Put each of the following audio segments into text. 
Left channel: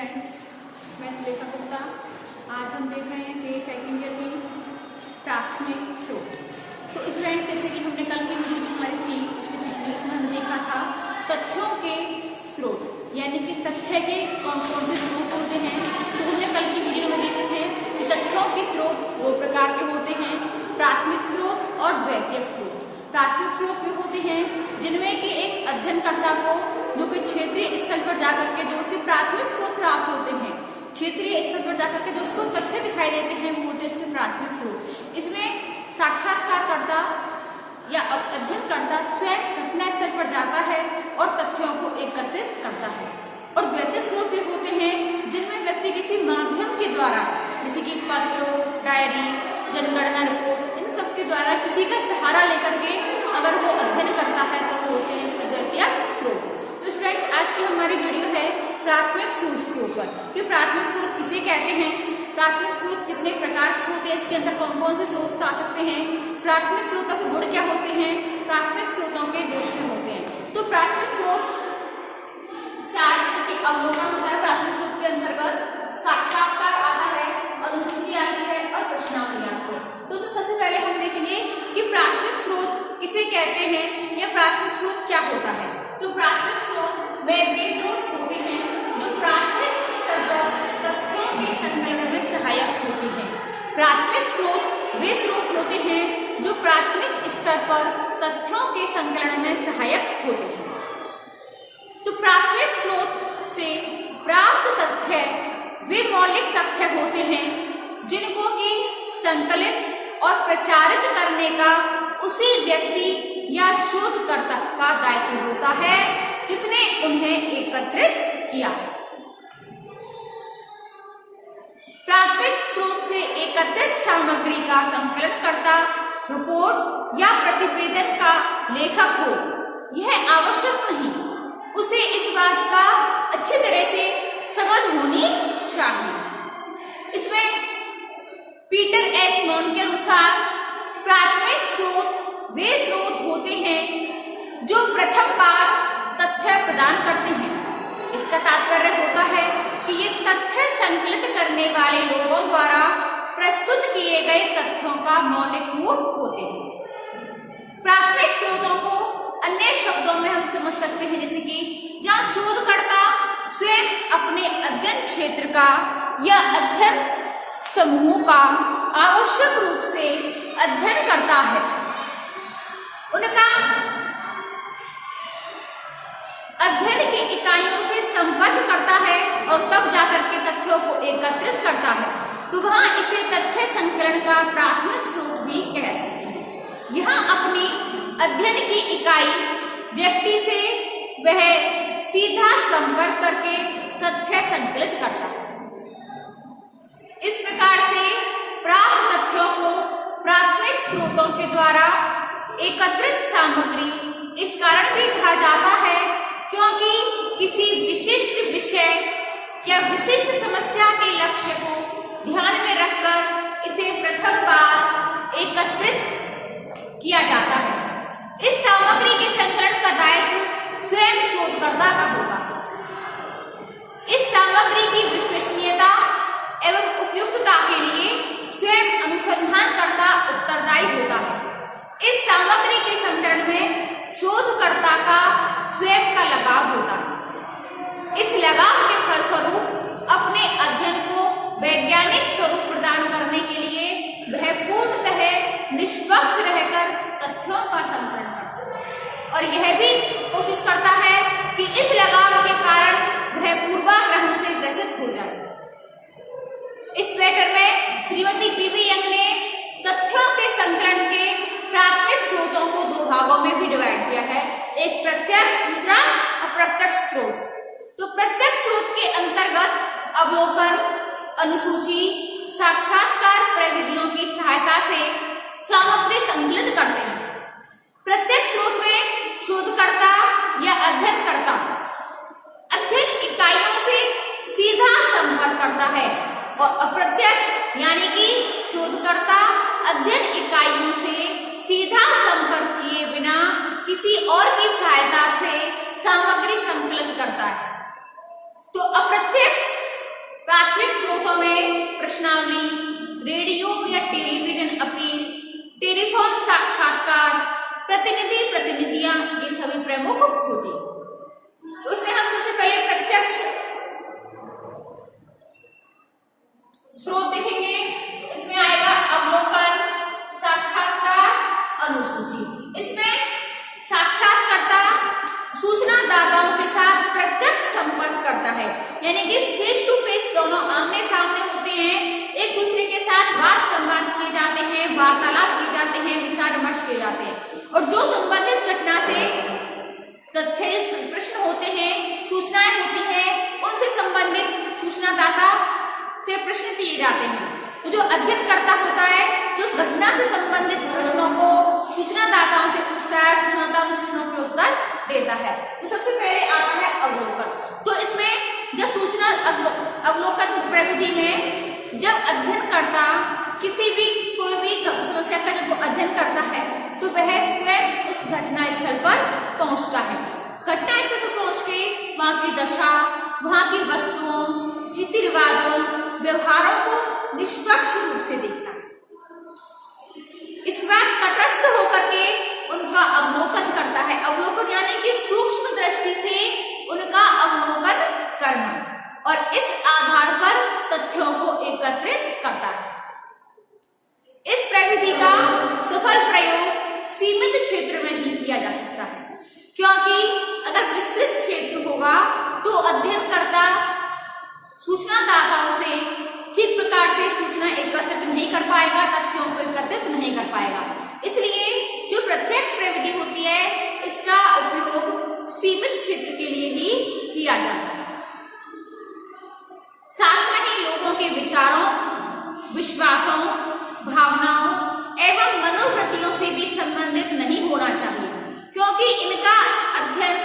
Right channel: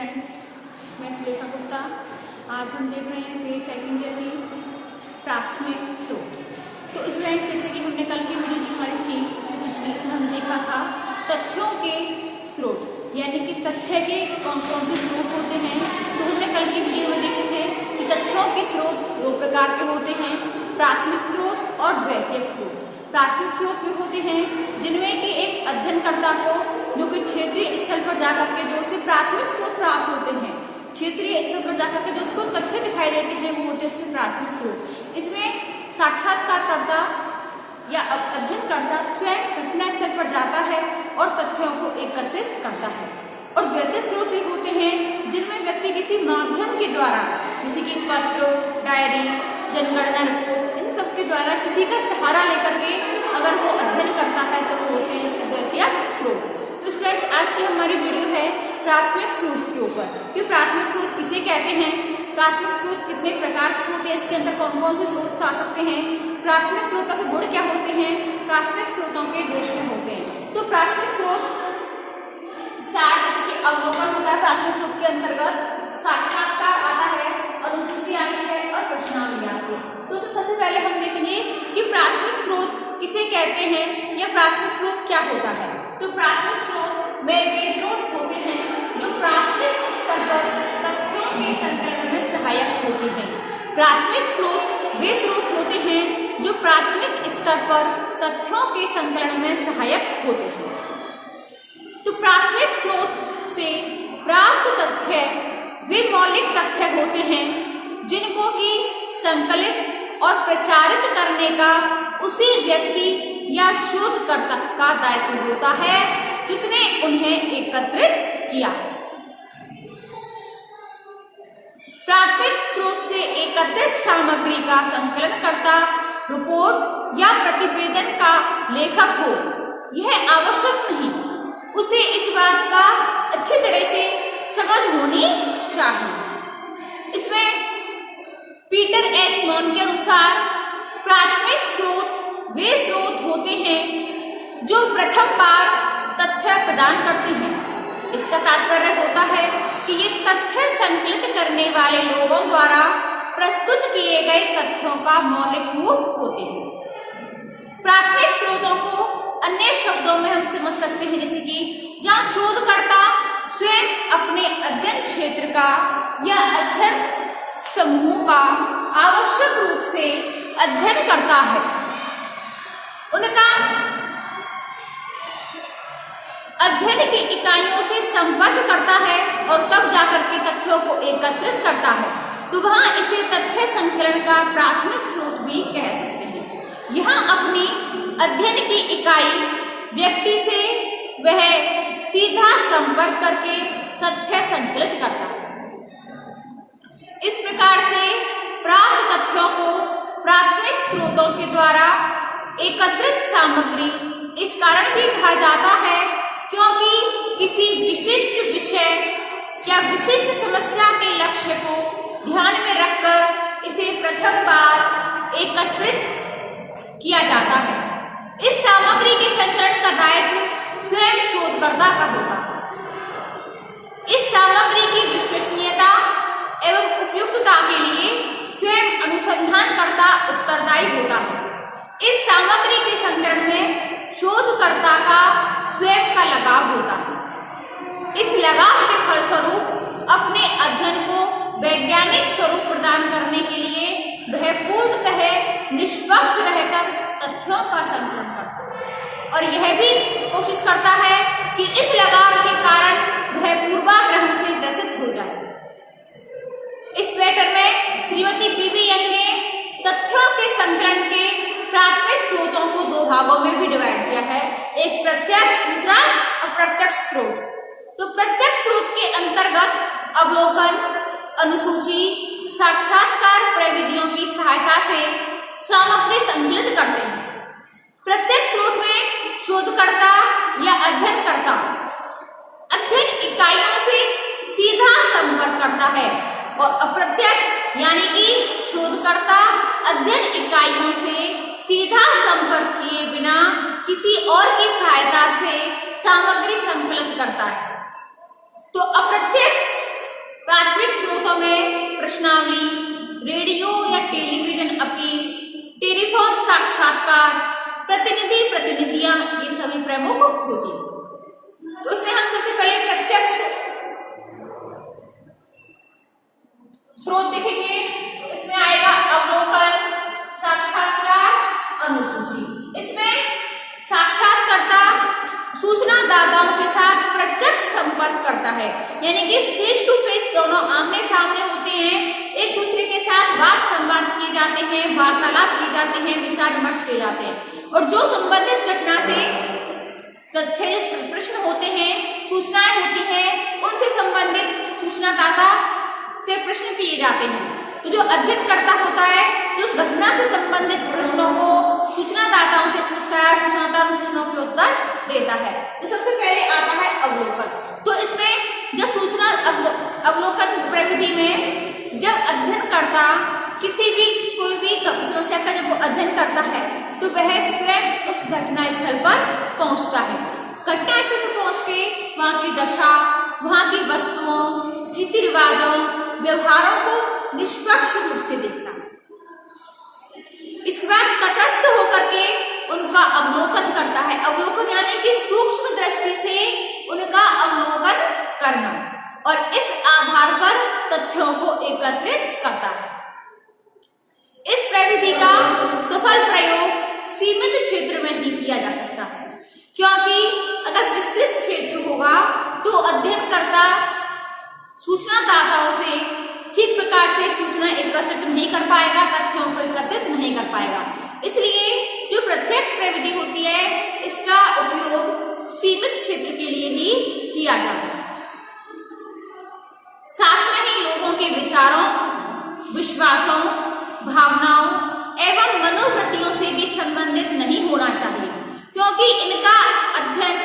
Friends, मैं सुलेखा गुप्ता। आज हम देख रहे हैं पेज सेकंड ईयर की प्राथमिक स्रोत। तो फ्रेंड, जैसे कि हमने कल की वीडियो हमारी थी इसमें हमने देखा था तथ्यों के स्रोत, यानी कि तथ्य के कौन कौन से स्रोत होते हैं। तो हमने कल की वीडियो में देखे थे कि तथ्यों के स्रोत दो प्रकार के होते हैं, प्राथमिक स्रोत और द्वितीयक स्रोत। प्राथमिक स्रोत वे होते हैं जिनमें कि एक अध्ययनकर्ता को जो कि क्षेत्रीय स्तर पर जाकर के जो उसे प्राथमिक स्रोत प्राप्त होते हैं, क्षेत्रीय स्तर पर जाकर के जो उसको तथ्य दिखाई देते हैं, वो होते हैं उसके प्राथमिक स्रोत। इसमें साक्षात्कारकर्ता या अध्ययनकर्ता स्वयं घटना स्थल पर जाता है और तथ्यों को एकत्रित करता है। और द्वितीयक स्रोत भी होते हैं जिनमें व्यक्ति किसी माध्यम के द्वारा, जैसे कि पत्र, डायरी, जनगणना रिपोर्ट, इन सब के द्वारा किसी का सहारा लेकर के अगर वो अध्ययन करता है तो वो होते हैं उसके द्वितीयक स्रोत। तो फ्रेंड्स, आज की हमारी वीडियो है प्राथमिक स्रोत के ऊपर कि प्राथमिक स्रोत किसे कहते हैं, प्राथमिक स्रोत कितने प्रकार के होते हैं, इसके अंदर कौन कौन से स्रोत आ सकते हैं, प्राथमिक स्रोतों के गुण क्या होते हैं, प्राथमिक स्रोतों के दोष क्या होते हैं। तो प्राथमिक स्रोत चार, जैसे कि अवलोकन होता है प्राथमिक स्रोत के अंतर्गत, साक्षात्कार आता है, अनुसूची आती है और प्रश्नावली आती है। तो सबसे पहले हम देखेंगे कि प्राथमिक स्रोत किसे कहते हैं या प्राथमिक स्रोत क्या होता है। तो प्राथमिक स्रोत वे स्रोत होते हैं जो प्राथमिक स्तर पर तथ्यों के संकलन में सहायक होते हैं। प्राथमिक स्रोत वे स्रोत होते हैं जो प्राथमिक स्तर पर तथ्यों के संकलन में सहायक होते हैं। तो प्राथमिक स्रोत से प्राप्त तथ्य वे मौलिक तथ्य होते हैं जिनको कि संकलित और प्रचारित करने का उसी व्यक्ति या शोधकर्ता का दायित्व होता है जिसने उन्हें एकत्रित किया है। प्राथमिक स्रोत से एकत्रित सामग्री का संकलनकर्ता, रिपोर्ट या प्रतिवेदन का लेखक हो, यह आवश्यक नहीं, उसे इस बात का अच्छी तरह से समझ होनी चाहिए। इसमें पीटर एच मॉन के अनुसार प्राथमिक स्रोत वे स्रोत होते हैं जो प्रथम बार तथ्य प्रदान करते हैं। इसका तात्पर्य होता है कि ये तथ्य संकलित करने वाले लोगों द्वारा प्रस्तुत किए गए तथ्यों का मौलिक रूप होते हैं। प्राथमिक स्रोतों को अन्य शब्दों में हम समझ सकते हैं, जैसे कि जहाँ शोधकर्ता स्वयं अपने अध्ययन क्षेत्र का या अध्ययन समूह का आवश्यक रूप से अध्ययन करता है, उनका अध्ययन की इकाइयों से संपर्क करता है और तब जाकर के तथ्यों को एकत्रित करता है, तो वहां इसे तथ्य संकलन का प्राथमिक स्रोत भी कह सकते हैं। यहाँ अपनी अध्ययन की इकाई व्यक्ति से वह सीधा संपर्क करके तथ्य संकलित करता है। इस प्रकार से प्राप्त तथ्यों को प्राथमिक स्रोतों के द्वारा एकत्रित सामग्री इस कारण भी कहा जाता है क्योंकि किसी विशिष्ट विषय या विशिष्ट समस्या के लक्ष्य को ध्यान में रखकर इसे प्रथम बार एकत्रित किया जाता है। इस सामग्री के संकलन का दायित्व स्वयं शोधकर्ता का होता है। इस सामग्री की विश्वसनीयता एवं उपयुक्तता के लिए स्वयं अनुसंधानकर्ता उत्तरदायी होता है। इस सामग्री के संकलन में शोधकर्ता का स्वयं का लगाव होता है। इस लगाव के फलस्वरूप अपने अध्ययन को वैज्ञानिक स्वरूप प्रदान करने के लिए वह पूर्णतः निष्पक्ष रहकर तथ्यों का संकलन करता है और यह भी कोशिश करता है कि इस लगाव के कारण वह पूर्वाग्रह से ग्रसित हो जाए। इस लेटर में श्रीमती पीबी यंग ने तथ्यों के संकलन के प्राथमिक स्रोतों को दो भागों में भी डिवाइड किया है, एक प्रत्यक्ष, दूसरा अप्रत्यक्ष स्रोत। तो प्रत्यक्ष स्रोत के अंतर्गत अवलोकन, अनुसूची, साक्षात्कार प्रविधियों की सहायता से सामग्री संकलित करते हैं। प्रत्यक्ष स्रोत में शोधकर्ता या अध्ययनकर्ता अध्ययन इकाइयों से सीधा संपर्क करता है और अप्रत्यक्ष यानी कि शोधकर्ता अध्ययन इकाइयों से सीधा संपर्क किए बिना किसी और की सहायता से सामग्री संकलित करता है। तो अप्रत्यक्ष प्राथमिक स्रोतों में प्रश्नावली, रेडियो या टेलीविजन अपील, टेलीफोन साक्षात्कार, प्रतिनिधियां, ये सभी प्रमुख होते हैं। तो उसमें हम सबसे पहले प्रत्यक्ष स्रोत देखेंगे। इसमें आएगा अवलोकन, साक्षात्कार, अनुसूची। इसमें साक्षात्कारता सूचनादाताओं के साथ प्रत्यक्ष संपर्क करता है, यानी कि फेस टू फेस दोनों आमने सामने होते हैं, एक दूसरे के साथ बात संवाद किए जाते हैं, वार्तालाप किए जाते हैं, विचार विमर्श किए जाते हैं, और जो संबंधित घटना से तथ्य प्रश्न होते हैं, सूचनाएं होती हैं, उनसे संबंधित सूचनादाता से प्रश्न किए जाते हैं। तो जो अध्ययनकर्ता होता है, जो उस घटना से संबंधित प्रश्नों को सूचनादाताओं से पूछता है, सूचनादाता प्रश्नों के उत्तर देता है। तो सबसे पहले आता है अवलोकन। तो इसमें जब सूचना अवलोकन प्रविधि में जब अध्ययनकर्ता किसी भी कोई भी समस्या का जब वो अध्ययन करता है, तो वह स्वयं उस घटना स्थल पर पहुंचता है। घटना स्थल पर पहुंच के वहां की दशा, वहां की वस्तुओं, रीति रिवाजों, व्यवहारों को निष्पक्ष रूप से देखता है। इसके बाद तटस्थ होकर के उनका अवलोकन करता है। अवलोकन यानी कि सूक्ष्म दृष्टि से उनका अवलोकन करना, और इस आधार पर तथ्यों को एकत्रित करता है। इस प्रविधि का सफल प्रयोग सीमित क्षेत्र में ही किया जा सकता है, क्योंकि अगर विस्तृत क्षेत्र होगा तो अध्ययनकर्ता सूचनादाताओं से ठीक प्रकार से सूचना एकत्रित नहीं कर पाएगा, तथ्यों को एकत्रित नहीं कर पाएगा। इसलिए जो प्रत्यक्ष प्रविधि होती है, इसका उपयोग सीमित क्षेत्र के लिए ही किया जाता है। साथ में ही लोगों के विचारों, विश्वासों, भावनाओं एवं मनोवृत्तियों से भी संबंधित नहीं होना चाहिए, क्योंकि इनका अध्ययन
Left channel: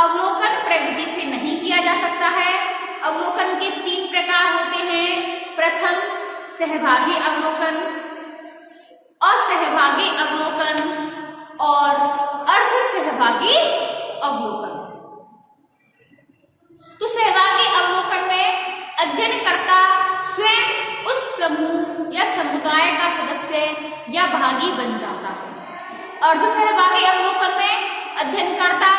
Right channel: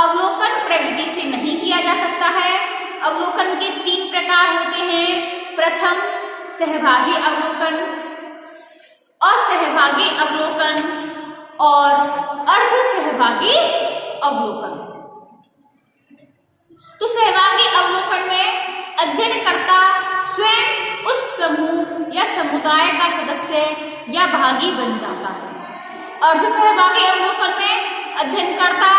अवलोकन प्रविधि से नहीं किया जा सकता है। अवलोकन के 3 प्रकार होते हैं। प्रथम सहभागी अवलोकन, असहभागी अवलोकन और अर्ध सहभागी अवलोकन। तो सहभागी अवलोकन में अध्ययनकर्ता स्वयं उस समूह या समुदाय का सदस्य या भागी बन जाता है। अर्ध सहभागी अवलोकन में अध्ययनकर्ता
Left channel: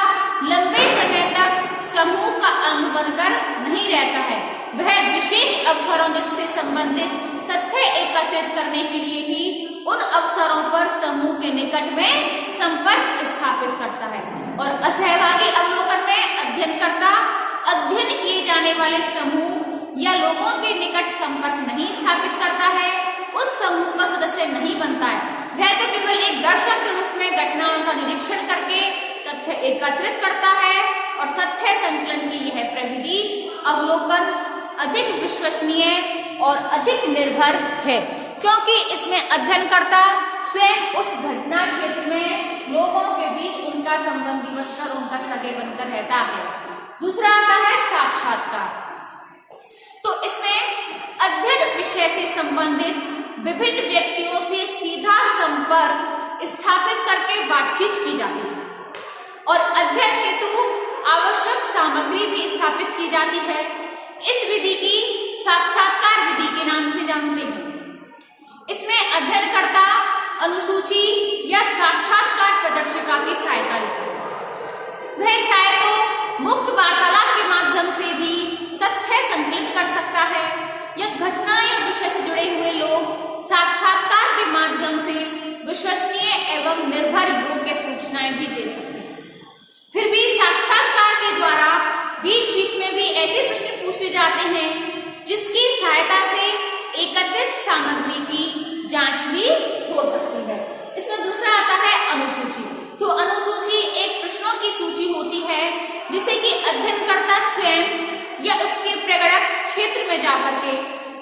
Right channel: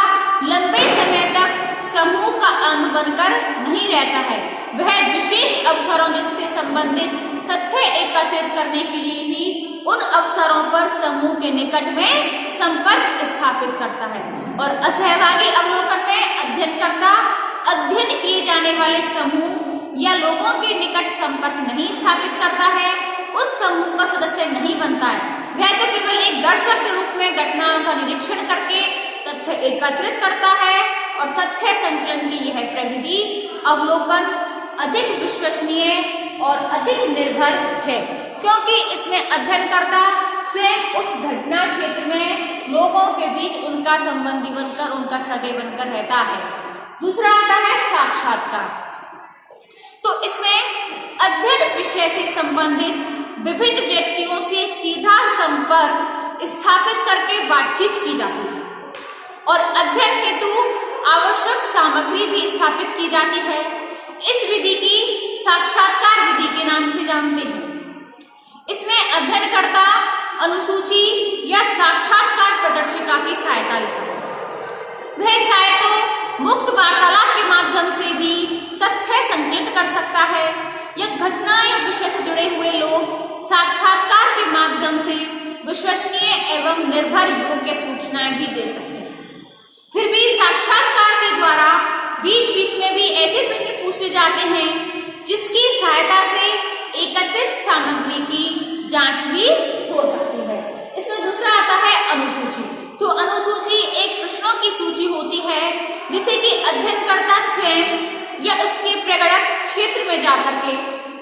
लंबे समय तक समूह का अंग बनकर नहीं रहता है, वह विशेष अवसरों जिससे संबंधित तथ्य एकत्रित करने के लिए ही उन अवसरों पर समूह के निकट में संपर्क स्थापित करता है। और असहभागी अवलोकन में अध्ययनकर्ता अध्ययन किए जाने वाले समूह या लोगों के निकट संपर्क नहीं स्थापित करता है, उस समूह का सदस्य नहीं बनता है। वह तो केवल एक दर्शक के रूप में घटनाओं का निरीक्षण करके तथ्य एकत्रित करता है, और तथ्य संकलन की यह प्रविधि अवलोकन अधिक विश्वसनीय और अधिक निर्भर है, क्योंकि इसमें अध्ययनकर्ता स्वयं उस घटना क्षेत्र में लोगों के बीच उनका संबंधी बनकर, उनका सगे बनकर रहता है। दूसरा आता है साक्षात्कार। तो इसमें अध्ययन विषय से संबंधित विभिन्न व्यक्तियों से सीधा संपर्क स्थापित करके बातचीत की जाती है, और अध्ययन हेतु आवश्यक सामग्री भी स्थापित की जाती है। इस विधि की साक्षात्कार विधि के नाम से जानते हैं। इसमें अध्ययनकर्ता अनुसूची या साक्षात्कार प्रदर्शिका की सहायता लेता है। वह चाहे तो मुक्त वार्तालाप के माध्यम से भी तथ्य संकलित कर सकता है, या घटना या विषय से जुड़े हुए लोग साक्षात्कार के माध्यम से विश्वसनीय एवं निर्भर योग्य सूचनाएं भी दे सकते हैं। फिर भी साक्षात्कार के द्वारा बीच बीच में भी ऐसे प्रश्न पूछे जाते हैं जिसकी सहायता से एकत्रित सामग्री की जांच भी हो सकती है। इसमें दूसरा आता है अनुसूची। तो अनुसूची एक प्रश्नों की सूची होती है जिसे कि अध्ययनकर्ता स्वयं या उसके प्रगणक क्षेत्र में जाकर के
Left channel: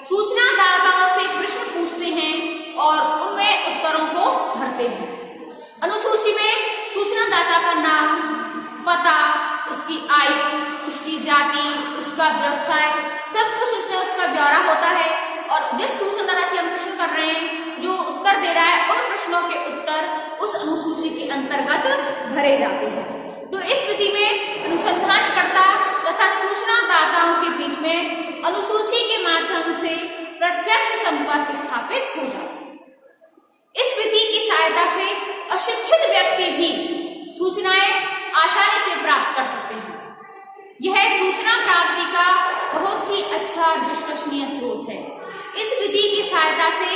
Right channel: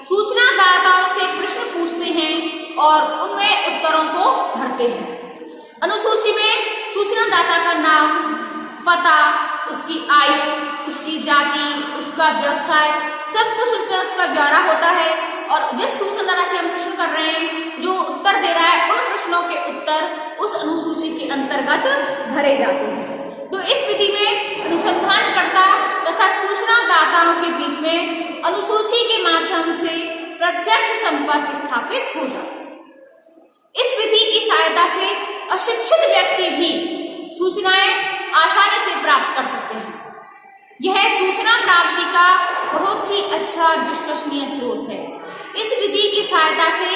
सूचनादाताओं से प्रश्न पूछते हैं और उनमें उत्तरों को भरते हैं। अनुसूची में सूचनादाता का नाम, पता, उसकी आयु, उसकी जाति, उसका व्यवसाय, सब कुछ उसमें उसका ब्यौरा होता है, और जिस सूचनादाता से हम प्रश्न कर रहे हैं, जो उत्तर दे रहा है, उन प्रश्नों के उत्तर उस अनुसूची के अंतर्गत भरे जाते हैं। तो इस विधि में अनुसंधानकर्ता तथा सूचनादाता सूचनादाताओं के बीच में अनुसूची के माध्यम से प्रत्यक्ष संपर्क स्थापित हो जाता है। इस विधि की सहायता से अशिक्षित व्यक्ति भी सूचनाएं आसानी से प्राप्त कर सकते हैं। यह सूचना प्राप्ति का बहुत ही अच्छा और विश्वसनीय स्रोत है। इस विधि की सहायता से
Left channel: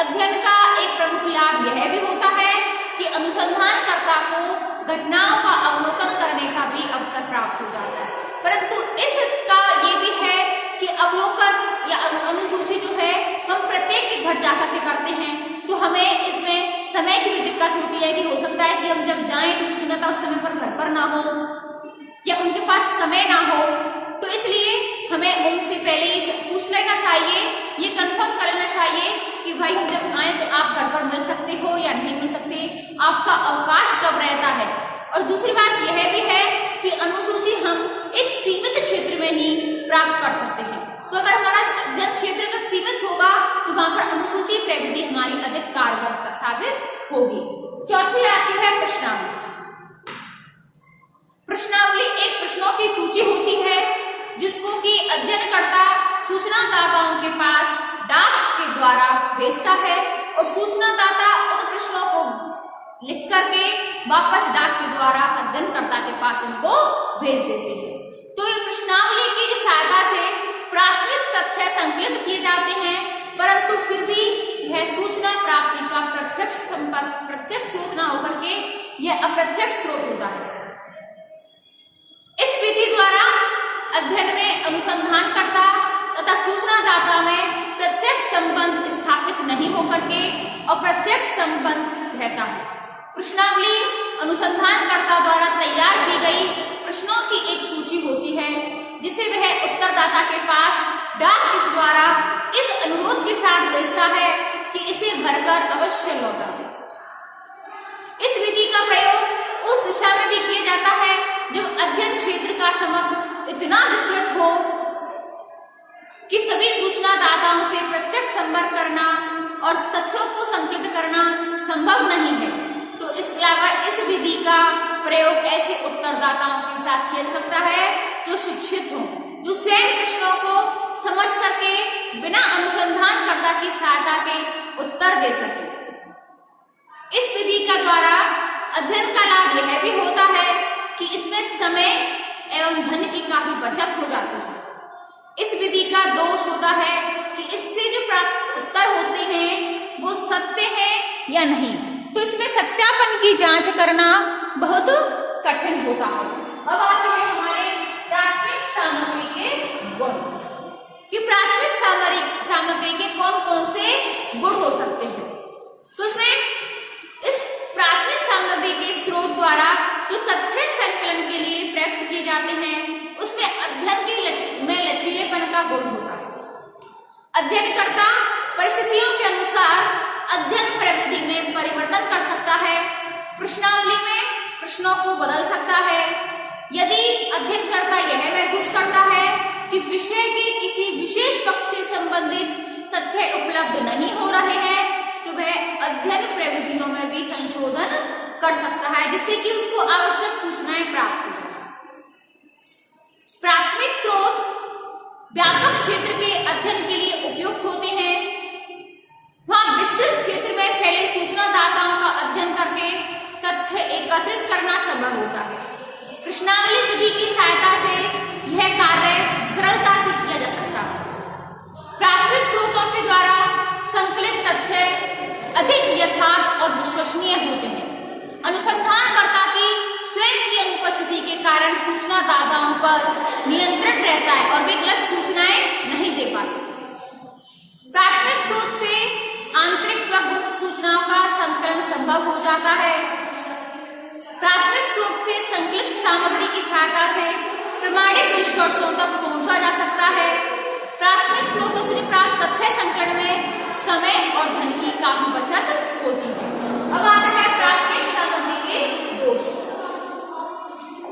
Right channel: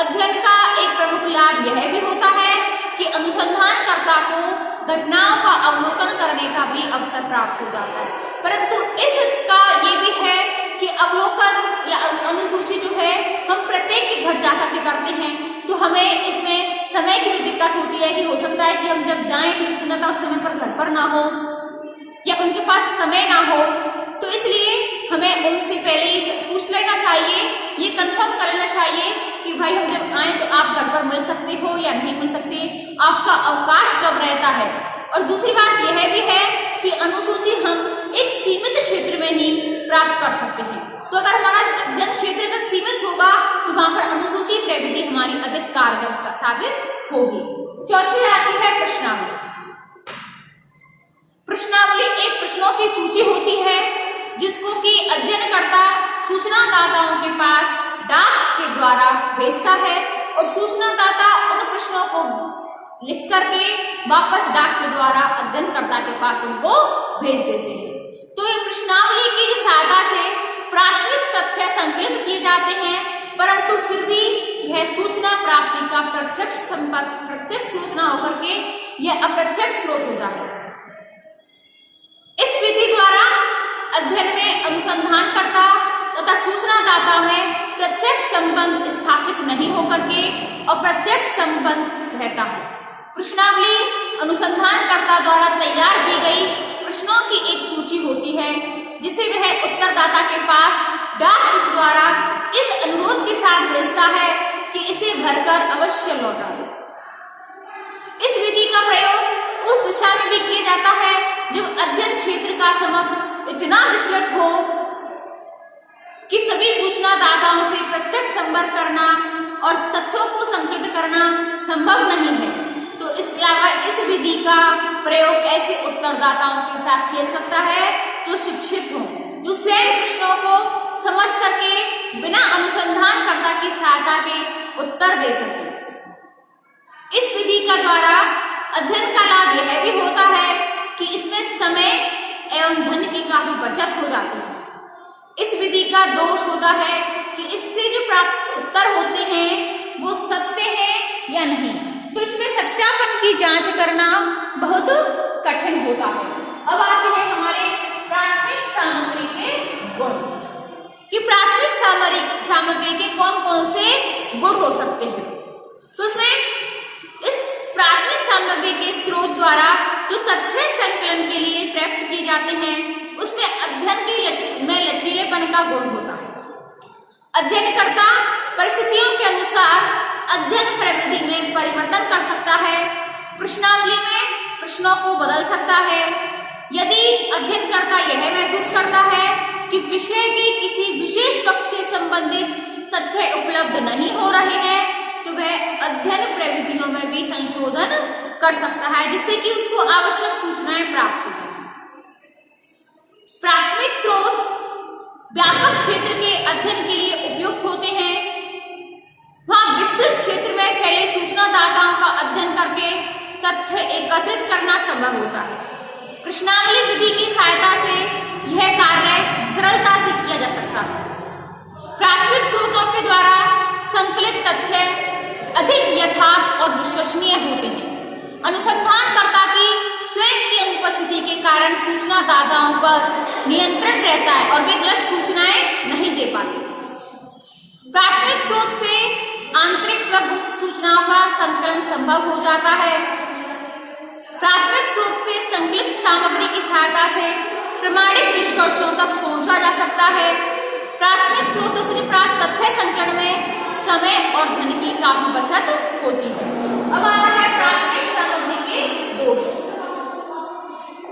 अध्ययन का एक प्रमुख लाभ यह भी होता है कि अनुसंधानकर्ता को घटनाओं का अवलोकन करने का भी अवसर प्राप्त हो जाता है। परंतु इसका ये भी है कि अवलोकन या अनुसूची जो है हम प्रत्येक घर जाकर के करते हैं, तो हमें इसमें समय की भी दिक्कत होती है कि हो सकता है कि हम जब जाएं तो सूचनादाता उस समय पर घर पर ना हो या उनके पास समय ना हो, तो इसलिए हमें उनसे पहले ही पूछ लेना चाहिए, ये कंफर्म कर लेना चाहिए कि भाई हम जब आए तो आप घर पर मिल सकते हो या नहीं मिल सकते, आपका अवकाश कब रहता है। और दूसरी बात यह भी है कि अनुसूची हम एक सीमित क्षेत्र में ही प्राप्त कर सकते हैं। तो अगर हमारा अध्ययन क्षेत्र अगर सीमित होगा तो वहां पर अनुसूची प्रविधि हमारी अधिक कारगर साबित होगी। चौथी आती है प्रश्नावली। प्रश्नावली एक प्रश्नों की सूची होती है जिसको कि अध्ययनकर्ता सूचनादाताओं के पास डाक के द्वारा भेजता है और सूचनादाता उन प्रश्नों को लिख करके वापस डाक के द्वारा अध्ययनकर्ता के पास उनको भेज देते हैं। तो ये प्रश्नावली की सहायता से प्राथमिक तथ्य संकलित किए जाते हैं, परंतु फिर भी यह सूचना प्राप्ति का प्रत्यक्ष संपर्क प्रत्यक्ष स्रोत न होकर के यह अप्रत्यक्ष स्रोत होता है। इस विधि द्वारा अध्ययन में अनुसंधानकर्ता तथा सूचनादाता में प्रत्यक्ष संबंध स्थापित नहीं होकर के अप्रत्यक्ष संबंध रहता है। प्रश्नावली अनुसंधानकर्ता द्वारा तैयार की गई प्रश्नों की एक सूची होती है जिसे वह उत्तरदाता के पास डाक के द्वारा इस अनुरोध के साथ भेजता है कि इसे भरकर अवश्य लौटा दे। इस विधि का प्रयोग उस दिशा में भी किया जाता है जब अध्ययन क्षेत्र का समग्र इतना विस्तृत हो कि सभी सूचनादाताओं से प्रत्यक्ष संपर्क करना और तथ्यों को संकलित करना संभव नहीं है। तो इस अलावा इस विधि का प्रयोग ऐसे उत्तरदाताओं के साथ किया सकता है जो शिक्षित हो, जो स्वयं प्रश्नों को समझ करके बिना अनुसंधानकर्ता की सहायता के उत्तर दे सके। इस विधि का द्वारा अध्ययन का लाभ यह भी होता है कि इसमें समय एवं धन की काफी बचत हो जाती है। इस विधि का दोष होता है कि इससे जो प्राप्त उत्तर होते हैं वो सत्य है या नहीं, तो इसमें सत्यापन की जांच करना बहुत कठिन होता है। अब आते हैं हमारे प्राथमिक सामग्री के गुण कि प्राथमिक सामग्री के कौन कौन से गुण हो सकते हैं। तो इसमें इस प्राथमिक सामग्री के स्रोत द्वारा जो तथ्य संकलन के लिए प्रयुक्त किए जाते हैं उसमें अध्ययन के लचीलेपन का गुण होता है। अध्ययनकर्ता परिस्थितियों के अनुसार अध्ययन प्रविधि में परिवर्तन कर सकता है, प्रश्नावली में प्रश्नों को बदल सकता है। यदि अध्ययनकर्ता यह महसूस करता है कि विषय के किसी विशेष पक्ष से संबंधित तथ्य उपलब्ध नहीं हो रहे हैं तो वह अध्ययन प्रविधियों में भी संशोधन कर सकता है जिससे कि उसको आवश्यक सूचनाएं प्राप्त हो जाए। प्राथमिक स्रोत व्यापक क्षेत्र के अध्ययन के लिए उपयुक्त होते हैं। वहां विस्तृत क्षेत्र में फैले सूचनादाताओं का अध्ययन करके तथ्य एकत्रित करना संभव होता है। प्रश्नावली विधि की सहायता से यह कार्य सरलता से किया जा सकता है। प्राथमिक स्रोतों के द्वारा संकलित तथ्य अधिक यथार्थ और विश्वसनीय होते हैं। अनुसंधानकर्ता की स्वयं की अनुपस्थिति के कारण सूचनादाताओं पर नियंत्रण रहता है और वे गलत सूचनाएं नहीं दे पाते। प्राथमिक स्रोत से आंतरिक व गुप्त सूचनाओं का संकलन संभव हो जाता है। प्राथमिक स्रोत से संकलित सामग्री की सहायता से प्रमाणिक निष्कर्षों तक पहुंचा जा सकता है। प्राथमिक स्रोतों से प्राप्त तथ्य संकलन में समय और धन की काफी बचत होती है। अब आता है प्राथमिक सामग्री के दोष।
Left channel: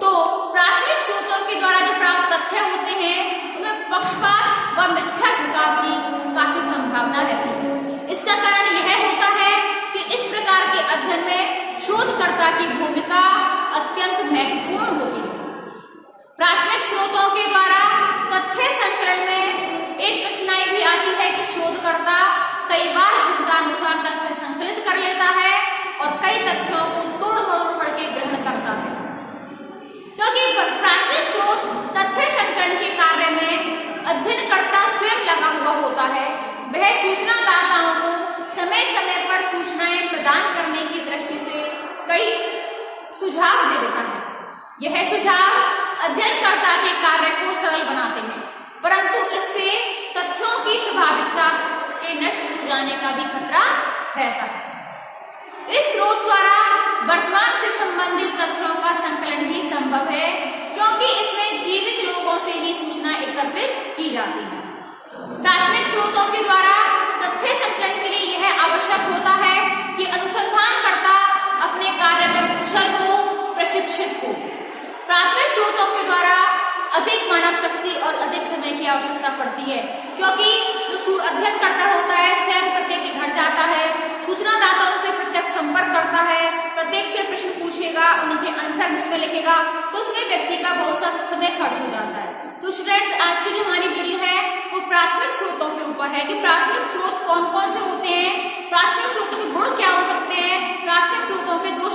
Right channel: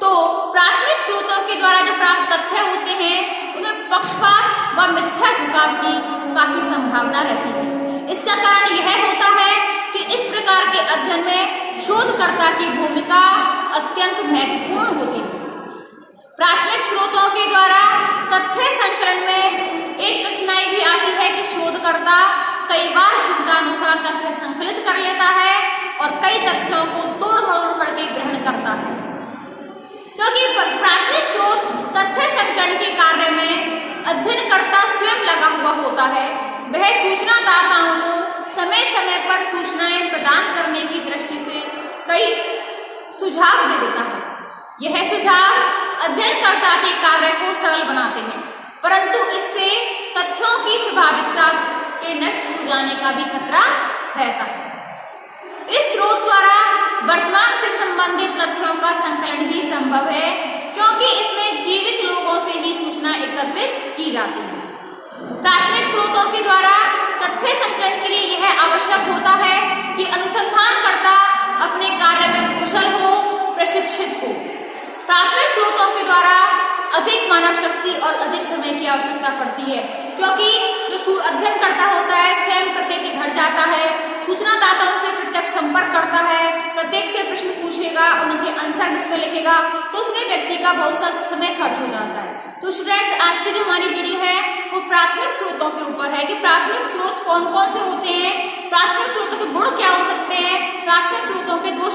तो प्राथमिक स्रोतों के द्वारा जो प्राप्त तथ्य होते हैं उनमें पक्षपात व मिथ्या झुकाव की काफी संभावना रहती है। इसका कारण यह होता है कि इस प्रकार के अध्ययन में शोधकर्ता की भूमिका अत्यंत महत्वपूर्ण होती है। प्राथमिक स्रोतों के द्वारा तथ्य संकलन में एक कठिनाई भी आती है कि शोधकर्ता कई बार शुद्धानुसार तथ्य संकलित कर लेता है और कई तथ्यों को तोड़ मरोड़ करके ग्रहण करता है। क्योंकि प्राथमिक स्रोत तथ्य संकलन के कार्य में अध्ययनकर्ता स्वयं लगा हुआ होता है, वह सूचनादाताओं को समय समय पर सूचनाएं प्रदान करने की दृष्टि से कई सुझाव दे देता है। यह सुझाव अध्ययनकर्ता के कार्य को सरल बनाते हैं, परंतु इससे तथ्यों की स्वाभाविकता के नष्ट हो जाने का भी खतरा रहता है। इस स्रोत द्वारा वर्तमान से संबंधित तथ्यों का संकलन ही संभव है, क्योंकि इसमें जीवित लोगों से ही सूचना एकत्रित की जाती है। प्राथमिक स्रोतों के द्वारा तथ्य संकलन के लिए यह आवश्यक होता है कि अनुसंधानकर्ता अपने कार्य में कुशल हो, प्रशिक्षित हो। प्राथमिक स्रोतों के द्वारा अधिक मानव शक्ति और अधिक समय की आवश्यकता पड़ती है, क्योंकि जो अध्ययन करता होता है स्वयं प्रत्येक के घर जाता है, सूचनादाताओं से प्रत्यक्ष संपर्क करता है, प्रत्येक से प्रश्न पूछेगा, उनके आंसर उसमें लिखेगा, तो उसमें व्यक्ति का बहुत सा समय खर्च हो जाता है। तो स्टूडेंट्स, आज की जो हमारी वीडियो है वो प्राथमिक स्रोतों के ऊपर है कि प्राथमिक स्रोत कौन कौन से होते हैं, प्राथमिक स्रोतों के गुण क्या हो सकते हैं, प्राथमिक स्रोतों के दोष